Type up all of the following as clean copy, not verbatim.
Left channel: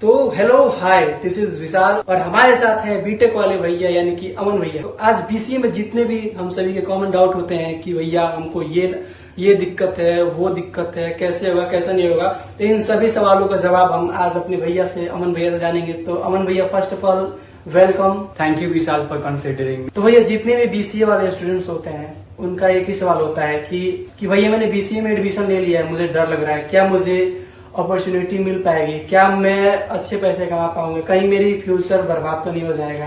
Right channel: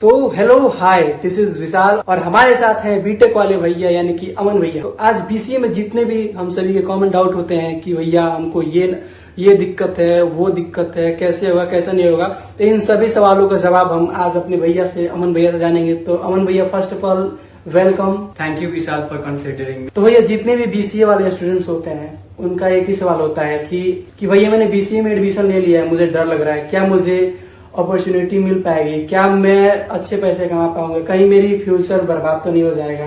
तो hello hi, this is विशाल और हमारे साथ हैं बीटेक वाले भैया यानी कि अमन भैया। तो आज बीसीए में जितने भी हम सभी के कॉमन डाउट होते हैं कि भैया हमको ये दिक्कत है, वो दिक्कत है, कैसे होगा कैसा नहीं होगा, तो इन सभी सवालों का जवाब हम आज अपने भैया से, अमन भैया से जानेंगे। तो अमन भैया, first of all welcome. Thank you Vishal for considering. तो भैया, जितने भी बीसीए वाले स्टूडेंट्स होते हैं उनका एक ही सवाल होता है कि भैया मैंने बीसीए में एडमिशन ले लिया है, मुझे डर लग रहा है, क्या मुझे अपॉर्चुनिटी मिल पाएगी, क्या मैं अच्छे पैसे कमा पाऊंगा, कहीं मेरी फ्यूचर बर्बाद तो नहीं हो जाएगा।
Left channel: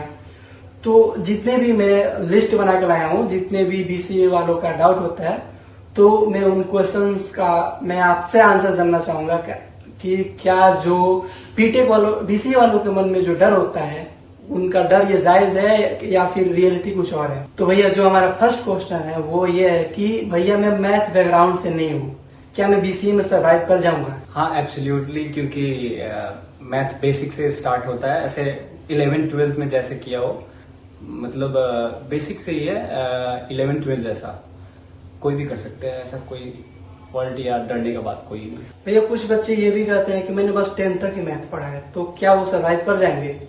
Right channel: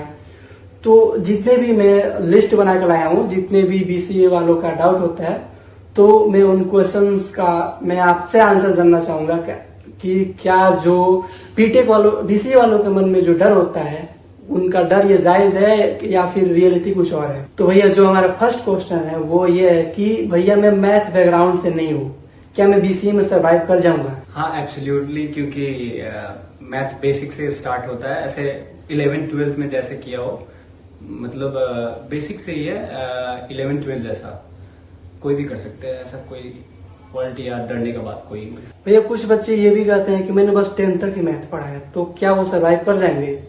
तो जितने भी मैं लिस्ट बना के लाया हूँ, जितने भी बीसीए वालों का डाउट होता है, तो मैं उन क्वेश्चंस का मैं आपसे आंसर जानना चाहूंगा कि क्या जो बीटेक वालों बीसीए वालों के मन में जो डर होता है, उनका डर ये जायज है या फिर रियलिटी कुछ और है। तो भैया, जो हमारा फर्स्ट क्वेश्चन है वो ये है कि भैया मैं मैथ बैकग्राउंड से नहीं हूँ, क्या मैं बीसीए में सर्वाइव कर जाऊंगा? हाँ एब्सोल्युटली, क्योंकि मैथ बेसिक से स्टार्ट होता है, ऐसे 11th-12th में जैसे किया हो, मतलब बेसिक से ही है। 11th-12th जैसा कोई भी कर सकते हैं, ऐसा कोई फॉल्ट या डरने का बात कोई नहीं। भैया, कुछ बच्चे ये भी कहते हैं कि मैंने बस 10th तक ही मैथ पढ़ा है, तो क्या वो सर्वाइव कर जाएंगे?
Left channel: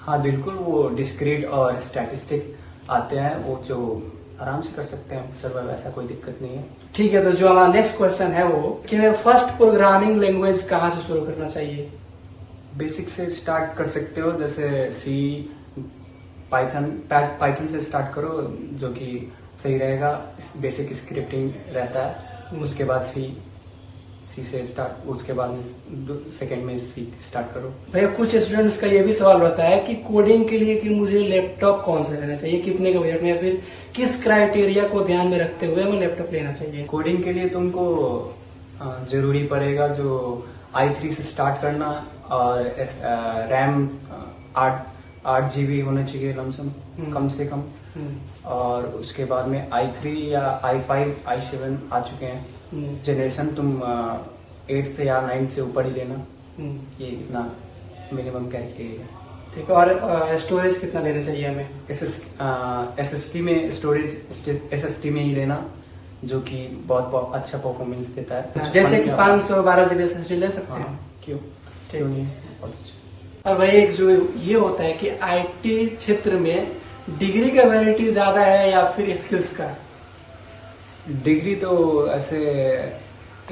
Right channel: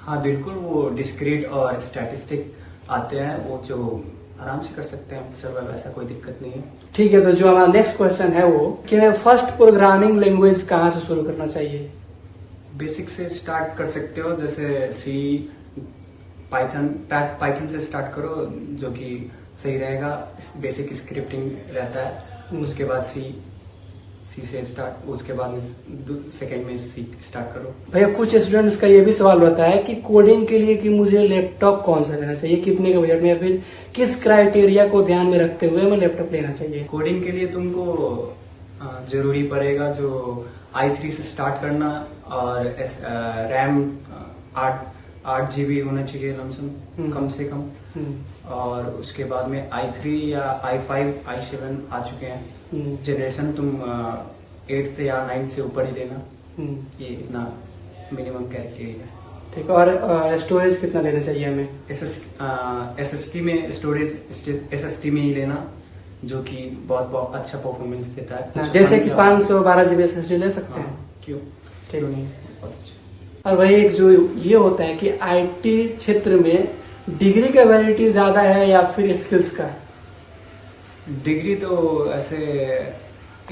हाँ बिल्कुल, वो डिस्क्रीट और स्टैटिस्टिक आते हैं, वो जो आराम से कर सकते हैं सर्वाइव, ऐसा कोई दिक्कत नहीं है। ठीक है, तो जो हमारा नेक्स्ट क्वेश्चन है वो कि मैं फर्स्ट प्रोग्रामिंग लैंग्वेज कहाँ से शुरू करना चाहिए? बेसिक से स्टार्ट कर सकते हो, जैसे सी, पाइथन से स्टार्ट करो, जो कि सही रहेगा। बेसिक स्क्रिप्टिंग रहता है, उसके बाद सी से स्टार्ट, उसके बाद सेकंड में सी स्टार्ट करो। भैया, कुछ स्टूडेंट्स का ये भी सवाल रहता है कि कोडिंग के लिए कि मुझे लैपटॉप कौन सा लेना चाहिए, कितने का बजट में, या फिर किस क्राइटेरिया को ध्यान में रखते हुए मैं लैपटॉप लेना चाहिए? कोडिंग के लिए तुमको जरूरी पड़ेगा जो i3 से स्टार्ट करना, और रैम 8 GB होना चाहिए लमसम, कम से कम। और उसके बाद में i3 या i5 i7 आ चुके हैं जनरेशन, तुम 8 से या 9 से ऊपर ही लेना, ये इतना मिनिमम क्राइटेरिया है। ठीक है, और स्टोरेज कितना लेना चाहिए हमें? SSD में SSD में ही लेना, जो कि बहुत अच्छा परफॉर्मेंस देता है। जैसे कि 512 GB SSD ले सकते हैं। क्यों नहीं, बहुत अच्छा। और वही एक जो ये होता है कि आईटी क्षेत्र में डिग्री का वैलिडिटी ज्यादा है या फिर स्किल्स का? डिग्री तो ऐसे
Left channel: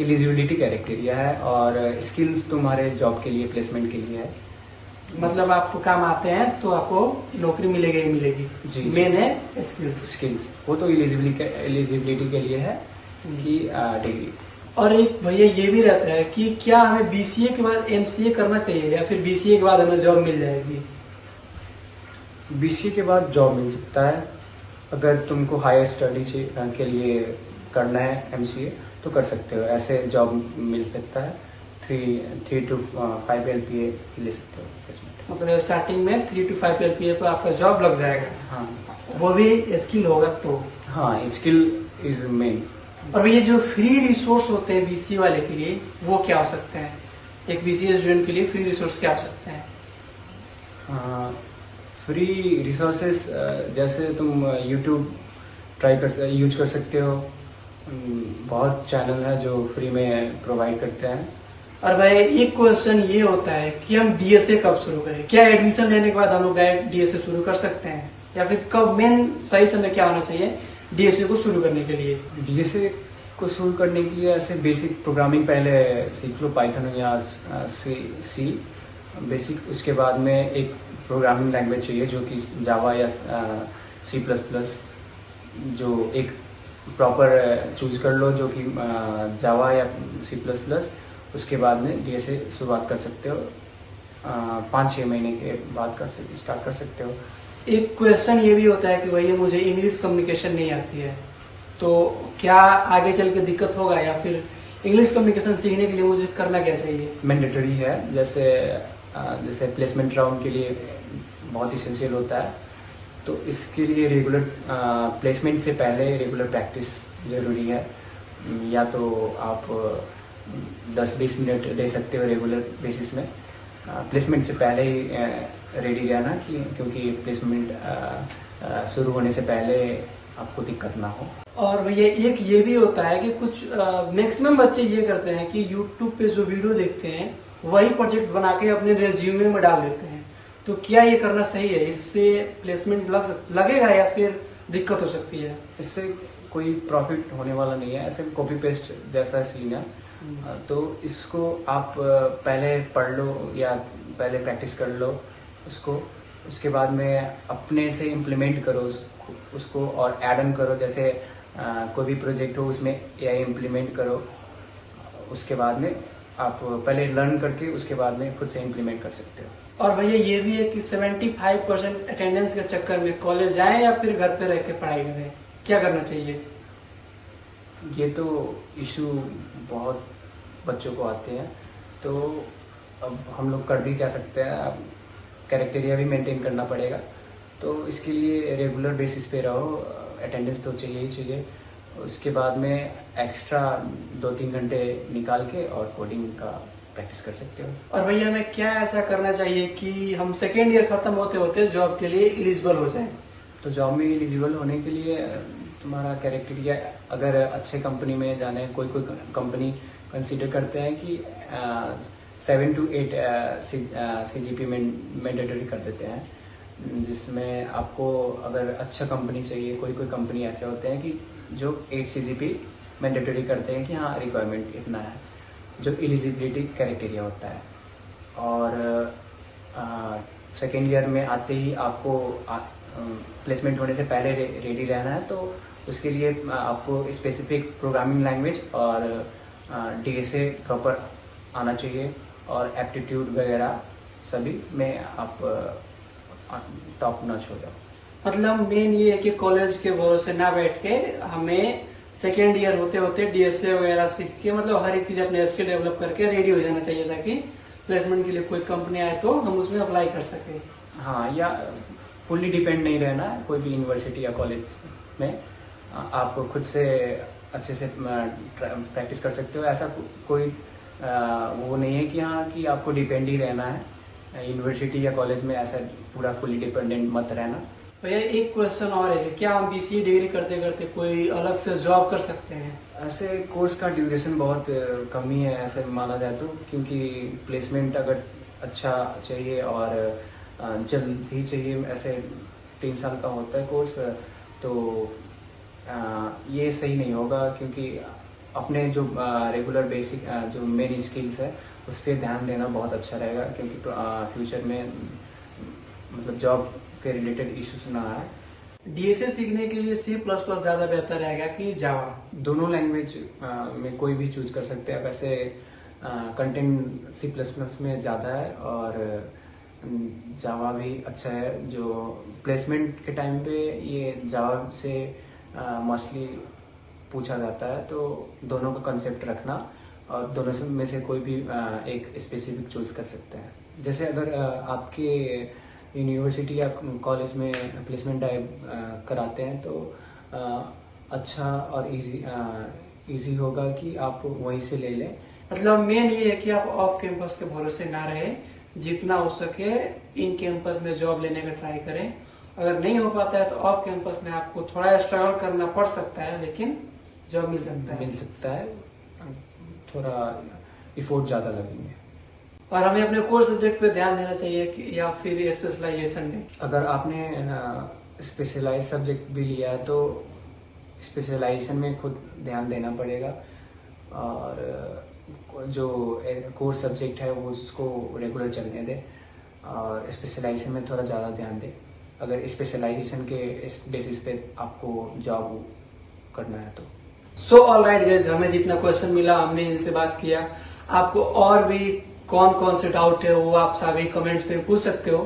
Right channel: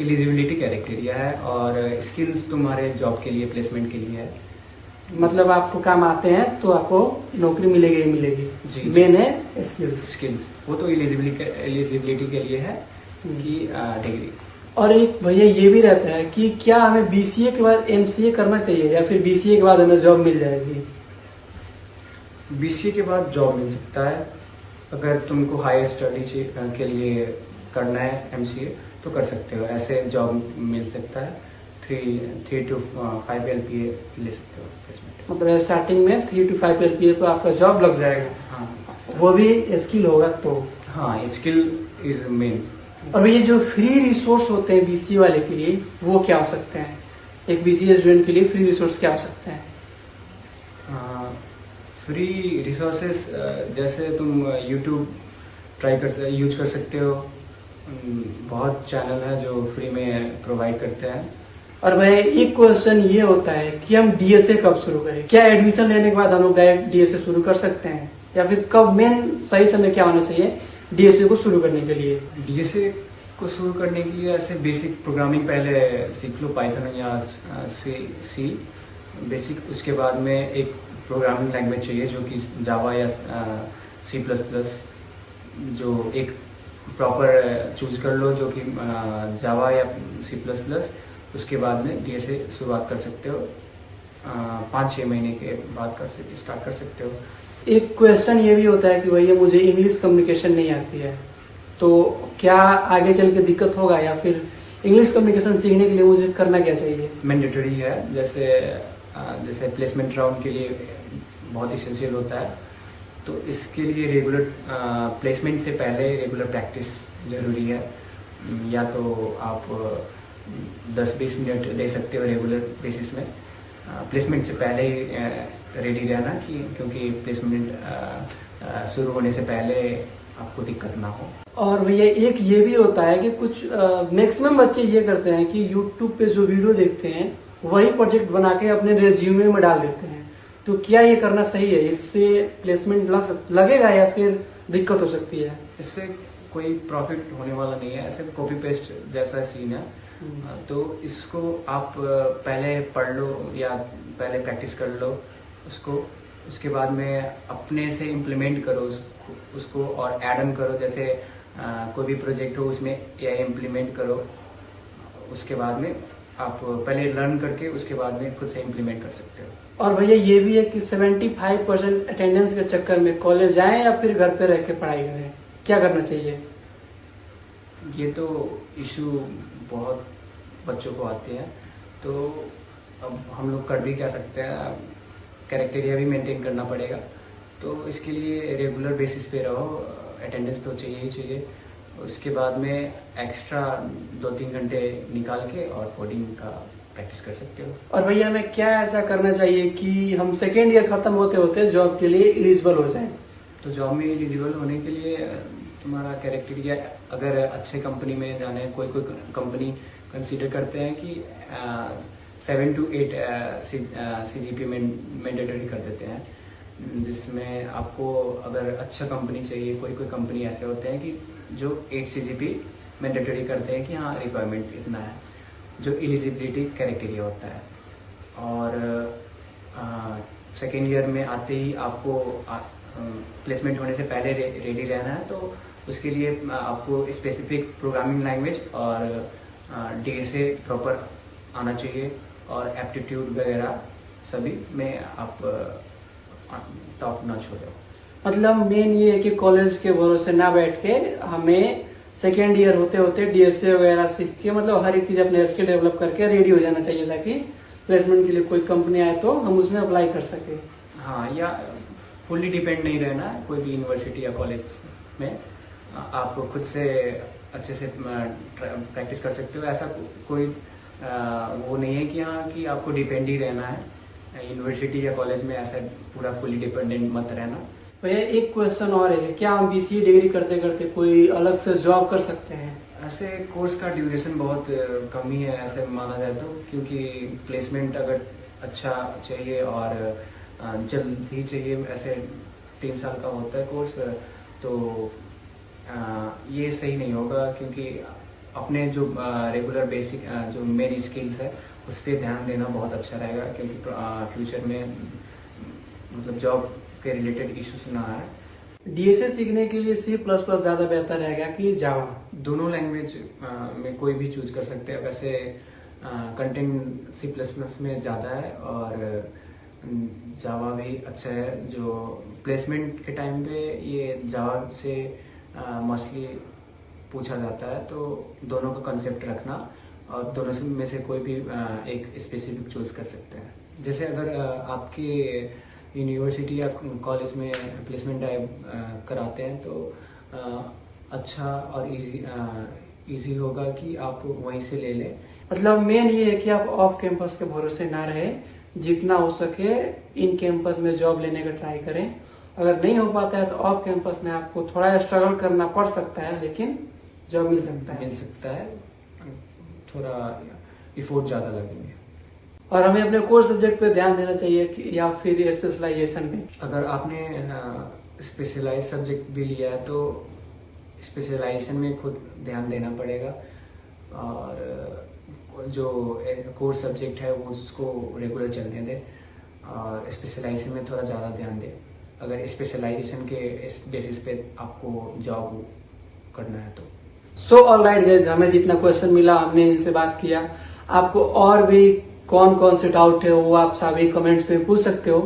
एलिजिबिलिटी क्राइटेरिया है, और स्किल्स तुम्हारे जॉब के लिए, प्लेसमेंट के लिए है। मतलब आपको काम आते हैं तो आपको नौकरी मिलेगी ही मिलेगी जी। मेन है स्किल्स, वो तो एलिजिबिलिटी के लिए है कि डिग्री। और एक भैया ये भी रहता है कि क्या हमें बीसीए के बाद एमसीए करना चाहिए या फिर बीसीए के बाद हमें जॉब मिल जाएगी? बीसीए के बाद जॉब मिल सकता है, अगर तुमको हायर स्टडी के लिए करना है एमसीए तो कर सकते हो, ऐसे जॉब मिल सकता है। 3 to 5 LPA ले सकते हो प्लेसमेंट। मतलब स्टार्टिंग में 3 to 5 LPA पर आपका जॉब लग जाएगा। हाँ, वो भी स्किल होगा तो। हाँ, स्किल इज मेन। और ये जो फ्री रिसोर्स होते हैं बीसीए वाले के लिए, वो क्या हो सकते हैं? एक बीसीए स्टूडेंट के लिए फ्री रिसोर्स क्या हो सकते हैं? फ्री रिसोर्सेस जैसे तुम यूट्यूब यूज कर सकते हो, बहुत चैनल है जो फ्री में प्रोवाइड करते हैं। और भाई, एक क्वेश्चन ये होता है कि हम डीएसए कब शुरू करें? क्या एडमिशन लेने के बाद हम लोग डायरेक्ट डीएसए शुरू कर सकते हैं, या फिर कब मेन सही समय क्या होना चाहिए डीएसए को शुरू करने के लिए? डीएसए को शुरू करने के लिए ऐसे बेसिक प्रोग्रामिंग पहले सीख लो, पाइथन या सी बेसिक। उसके बाद में एक प्रोग्रामिंग लैंग्वेज चाहिए जो कि जावा या C++, जो एक प्रॉपर चूज कर लो, जो कि जावा या C++। उसके बाद में डीएसए शुरुआत कर सकते हो, 5-6 महीने के बाद स्टार्ट कर सकते हो। एक क्वेश्चन ये भी होता है कि भैया मुझे इंग्लिश कम्युनिकेशन नहीं आती है, तो क्या आगे चल के दिक्कत होगा, या फिर इंग्लिश कम्युनिकेशन सीखने के लिए मुझे करना क्या चाहिए? मैंडेटरी है, जैसे प्लेसमेंट राउंड के लिए बहुत इसेंशियल होता है, तो इसके लिए रेगुलर प्लेसमेंट से पहले रेगुलर प्रैक्टिस जरूरी है। या तो आप 10-20 मिनट दे सकते हो रेगुलर बेसिस में, प्लेसमेंट से पहले ही रेडी रहना, क्योंकि प्लेसमेंट शुरू होने से पहले आपको दिक्कत ना हो। और भैया, एक ये भी होता है कि कुछ मैक्सिमम बच्चे ये करते हैं कि यूट्यूब पे जो वीडियो देखते हैं वही प्रोजेक्ट बना के अपने रेज्यूमे में डाल देते हैं। तो क्या ये करना सही है? इससे प्लेसमेंट लगेगा या फिर दिक्कत हो सकती है? इससे कोई प्रॉफिट होने वाला नहीं है, ऐसे कॉपी पेस्ट जैसा सीन है। तो इसको आप पहले पढ़ लो या पहले प्रैक्टिस कर लो उसको, उसके बाद में अपने से इम्प्लीमेंट करो उसको और ऐड ऑन करो। जैसे कोई भी प्रोजेक्ट हो उसमें एआई इम्प्लीमेंट करो, उसके बाद में आप पहले लर्न करके उसके बाद में खुद से इम्प्लीमेंट कर सकते हो। और भैया ये भी है कि 75% अटेंडेंस के चक्कर में कॉलेज जाएं या फिर घर पे रह के पढ़ाई करें, क्या करना चाहिए? ये तो इशू बहुत बच्चों को आते हैं, तो अब हम लोग कर भी क्या सकते हैं, अब कैरेक्टेरिया भी मेंटेन करना पड़ेगा। तो इसके लिए रेगुलर बेसिस पे रहो, अटेंडेंस तो चाहिए ही चाहिए। उसके बाद में एक्स्ट्रा 2-3 घंटे निकाल के और कोडिंग का प्रैक्टिस कर सकते हो। और भैया हमें क्या ऐसा करना चाहिए कि हम सेकेंड ईयर खत्म होते होते जॉब के लिए एलिजिबल हो जाएं? तो जॉब में एलिजिबल होने के लिए तुम्हारा कैरेक्टेरिया, अगर अच्छे कंपनी में जाना है, कोई कोई कंपनी कंसीडर करते हैं कि 7 to 8 CGP मैंडेटरी कर देते हैं, जिसमें आपको अगर अच्छा कंपनी चाहिए, कोई कोई कंपनी ऐसे होते हैं कि जो 8 CGP मैंडेटरी करते हैं कि हाँ रिक्वायरमेंट इतना है, जो एलिजिबिलिटी क्राइटेरिया होता है। और सेकेंड ईयर में आते ही आपको प्लेसमेंट होने से पहले रेडी रहना है। तो उसके लिए आपको स्पेसिफिक प्रोग्रामिंग लैंग्वेज और DSA प्रॉपर आना चाहिए और एप्टीट्यूड वगैरह सभी में आप टॉप नॉच हो जाओ। मतलब मेन ये है कि कॉलेज के भरोसे ना बैठ के हमें सेकेंड ईयर होते होते DSA वगैरह सीख के मतलब हर एक चीज अपने स्किल डेवलप करके रेडी हो जाना चाहिए, ताकि प्लेसमेंट के लिए कोई कंपनी आए तो हम उसमें अप्लाई कर सके। हाँ, या फुल्ली डिपेंड नहीं रहना है कोई भी यूनिवर्सिटी या कॉलेज में, आप खुद से अच्छे से प्रैक्टिस कर सकते हो। ऐसा कोई वो नहीं है कि हाँ कि आपको डिपेंड ही रहना है यूनिवर्सिटी या कॉलेज में, ऐसा पूरा फुल्ली डिपेंडेंट मत रहना। भैया एक क्वेश्चन और है, क्या हम BCA डिग्री करते करते कोई अलग से जॉब कर सकते हैं? ऐसे कोर्स का ड्यूरेशन बहुत कम ही है ऐसे माना जाए तो, क्योंकि प्लेसमेंट अगर अच्छा चाहिए और जल्द ही चाहिए, ऐसे 3 साल का होता है कोर्स, तो ये सही नहीं होगा। क्योंकि अपने जो रेगुलर बेसिक जो मेन स्किल्स है उस पर ध्यान देना बहुत अच्छा रहेगा, क्योंकि फ्यूचर में मतलब जॉब के रिलेटेड इश्यूज ना आए। DSA सीखने के लिए C++ ज्यादा बेहतर रहेगा कि जावा? दोनों लैंग्वेज में कोई भी चूज कर सकते हैं। वैसे कंटेंट C++ में ज्यादा है और जावा भी अच्छा है। जो प्लेसमेंट के टाइम पे ये जावा से मोस्टली पूछा जाता है, तो दोनों का कंसेप्ट रखना और दोनों में से कोई भी एक स्पेसिफिक चूज कर सकते हैं। जैसे अगर आपके यूनिवर्सिटी या कॉलेज में प्लेसमेंट ड्राइव कराते हैं तो अच्छा और इजी होगा कि आप वहीं से ले लें। मतलब मेन ये है कि आप ऑफ कैंपस के भरोसे ना रहे, जितना हो सके इन कैंपस में जॉब लेने का ट्राई करें। अगर नहीं हो पाता है तो ऑफ कैंपस में आपको थोड़ा स्ट्रगल करना पड़ सकता है, लेकिन जॉब मिल सकता है। थोड़ा इफोर्ट ज्यादा लगेंगे। और हमें अपने कोर सब्जेक्ट पे ध्यान देना चाहिए कि या फिर स्पेशलाइजेशन में? अगर आपने स्पेशलाइज सब्जेक्ट भी लिया है तो स्पेशलाइजेशन में खुद ध्यान देना पड़ेगा, और जो कोर सब्जेक्ट है वो उसको रेगुलर चलने दे और स्पेशलाइजेशन में थोड़ा ज़्यादा ध्यान दे, अगर स्पेशलाइजेशन के बेसिस पे आपको जॉब करना है तो। सो ऑलराइट गाइस, हमें जितना क्वेश्चन मिला हमने इनसे बात किया। आपको और भी कौन कौन से डाउट है वो आप सभी कमेंट्स में पूछ सकते हो।